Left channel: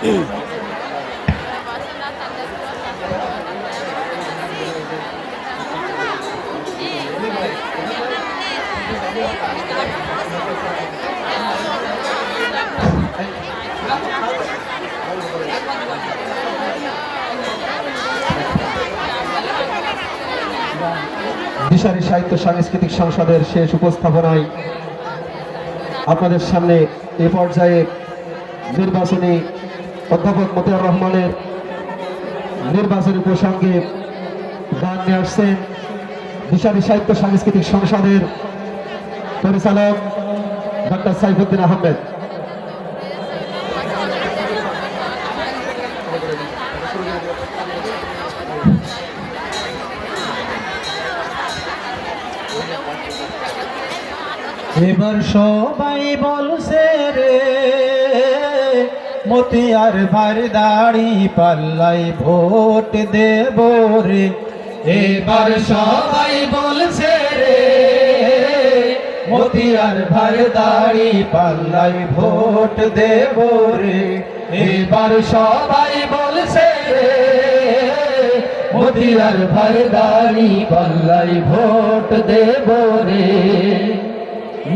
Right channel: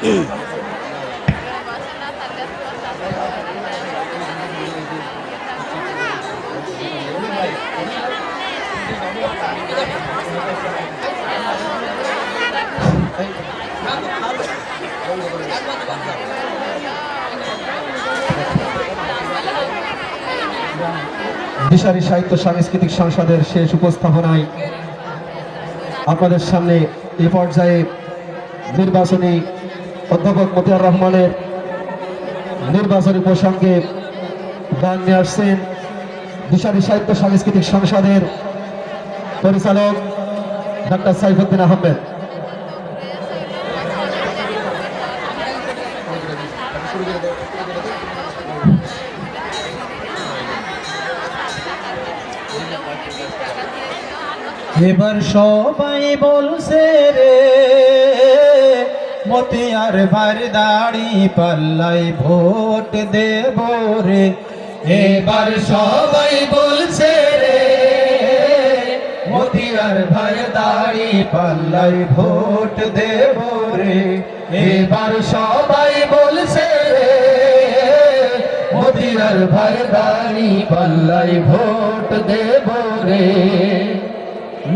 দিশারি সাহিত্য সাংস্কৃতিক সংসদের শেষ উপস্থাপনায় আপনাদের সামনে এই পর্যায়ে নির্বাচনী অধ্যাপক মতিয়ার রহমানের নির্বাচনী প্রসঙ্গে গান নিয়ে আসছেন দিশারি সাহিত্য সাংস্কৃতিক সংসদের পরিচালক ডক্টর সাইফুদ্দিন আহমেদ। এবার সবাই বলছে রে মতিয়ার ভার দাড়ি পাল্লাই ভোট দেব রে। এবার সবাই বলছে রে মতিয়ার ভার দাড়ি পাল্লাই ভোট দেব রে। এবার সবাই বলছে রে মতিয়ার ভার দাড়ি পাল্লাই ভোট দেব রে।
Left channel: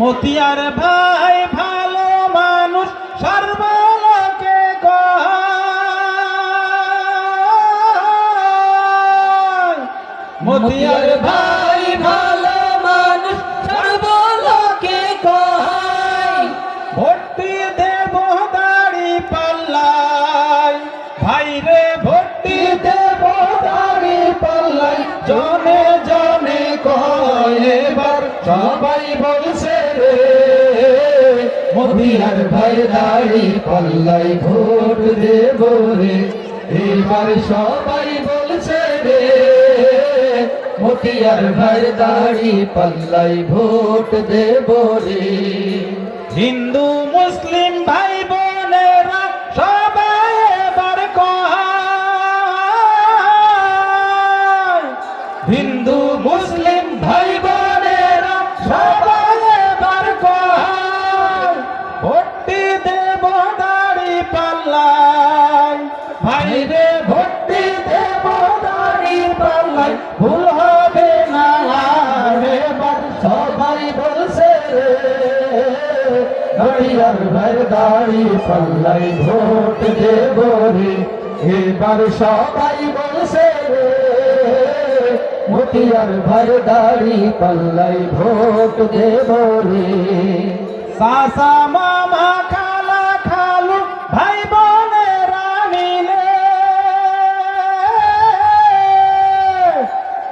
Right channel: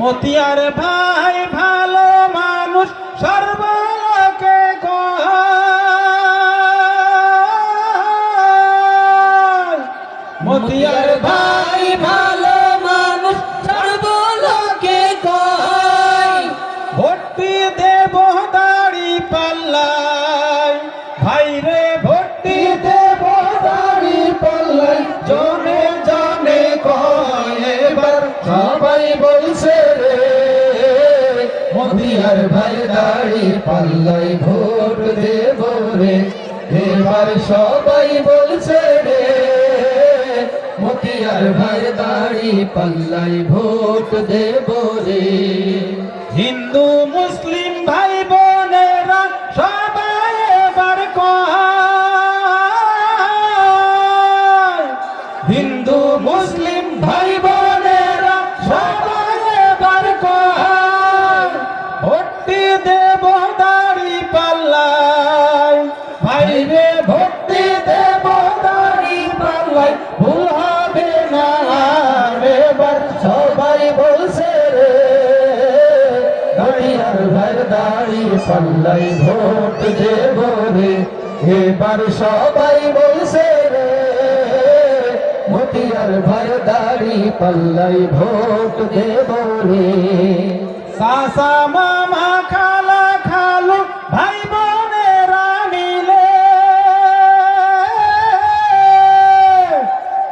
মতিয়ার ভাই ভালো মানুষ সর্বলোকে কয়। মতিয়ার ভাই ভালো মানুষ সর্বলোকে কয়। ভর্তি দেব দাড়ি পাল্লাই ভাই রে ভর্তি দেব দাড়ি পাল্লাই জনে জনে কয়। এবার সবাই বলছে রে মতিয়ার ভাই দাড়ি পাল্লাই ভোট দেব রে। এবার সবাই বলছে রে মতিয়ার ভাই দাড়ি পাল্লাই ভোট দেব রে। হিন্দু মুসলিম ভাই বোনেরা সবাই এবার কয়। হিন্দু মুসলিম ভাই বোনেরা সবাই এবার কয়। ভর্তি দেব দাড়ি পাল্লাই ভাই রে ভর্তি দেব দাড়ি পাল্লাই ভুল হবে না আর। এবার সবাই বলছে রে মতিয়ার ভাই দাড়ি পাল্লাই ভোট দেব রে। এবার সবাই বলছে রে মতিয়ার ভাই দাড়ি পাল্লাই ভোট দেব রে। সাসা মামা খালা খালু ভাই বোনেরা মিলে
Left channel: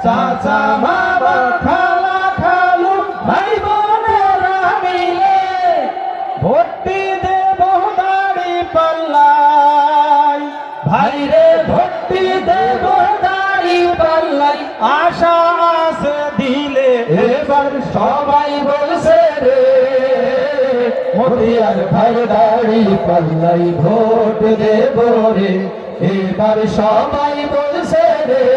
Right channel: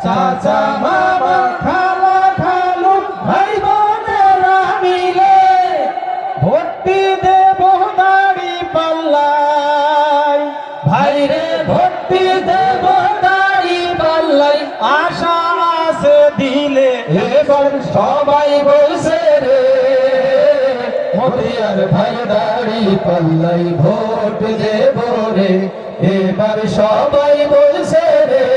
চাচা মামা খালা খালু ভাই বোনেরা মিলে ভর্তি দেব দাড়ি পাল্লাই ভাই রে ভর্তি দেব দাড়ি পাল্লাই আশা আছে দিলে। এবার সবাই বলছে রে মতিয়ার ভাই দাড়ি পাল্লাই ভোট দেব রে। এবার সবাই বলছে রে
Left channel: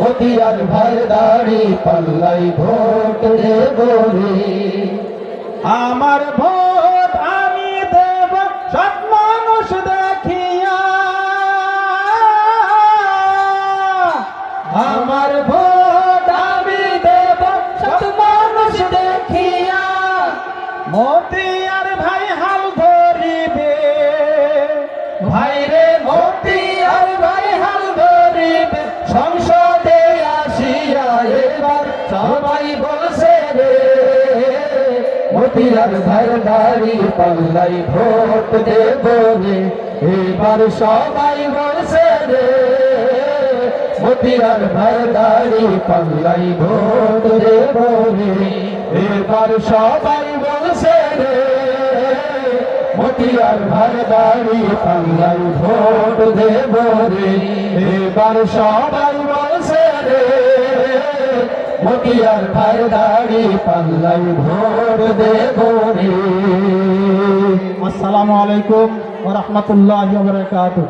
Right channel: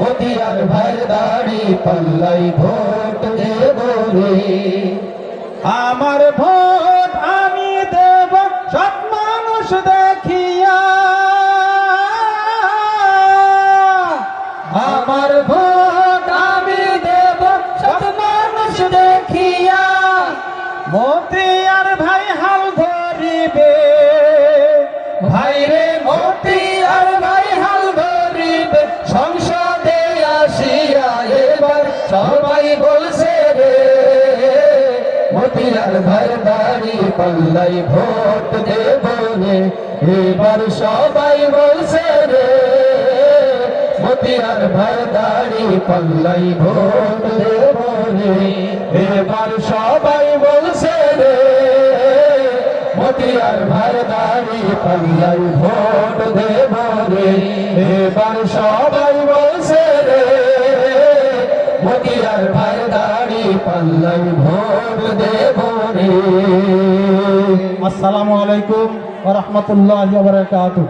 মতিয়ার ভাই দাড়ি পাল্লাই ভোট দেব রে। আমার ভোট আমি দেব সৎ মানুষ দেখিয়া। আমার ভোট আমি দেব সৎ মানুষ দেখিয়া। মতিয়ার ভাই হাল ধরিবে ভাই রে মতিয়ার ভাই হাল ধরিবে সংসদে আসিয়া। এবার সবাই বলছে রে মতিয়ার ভাই দাড়ি পাল্লাই ভোট দেব রে। এবার সবাই বলছে রে মতিয়ার ভাই দাড়ি পাল্লাই ভোট দেব রে। এবার সবাই বলছে রে মতিয়ার ভাই দাড়ি পাল্লাই ভোট দেব রে। এবার সবাই বলছে রে মতিয়ার ভাই দাড়ি পাল্লাই ভোট দেব রে। আসসালামু আলাইকুম ওয়া রাহমাতুল্লাহি ওয়া বারাকাতুহু।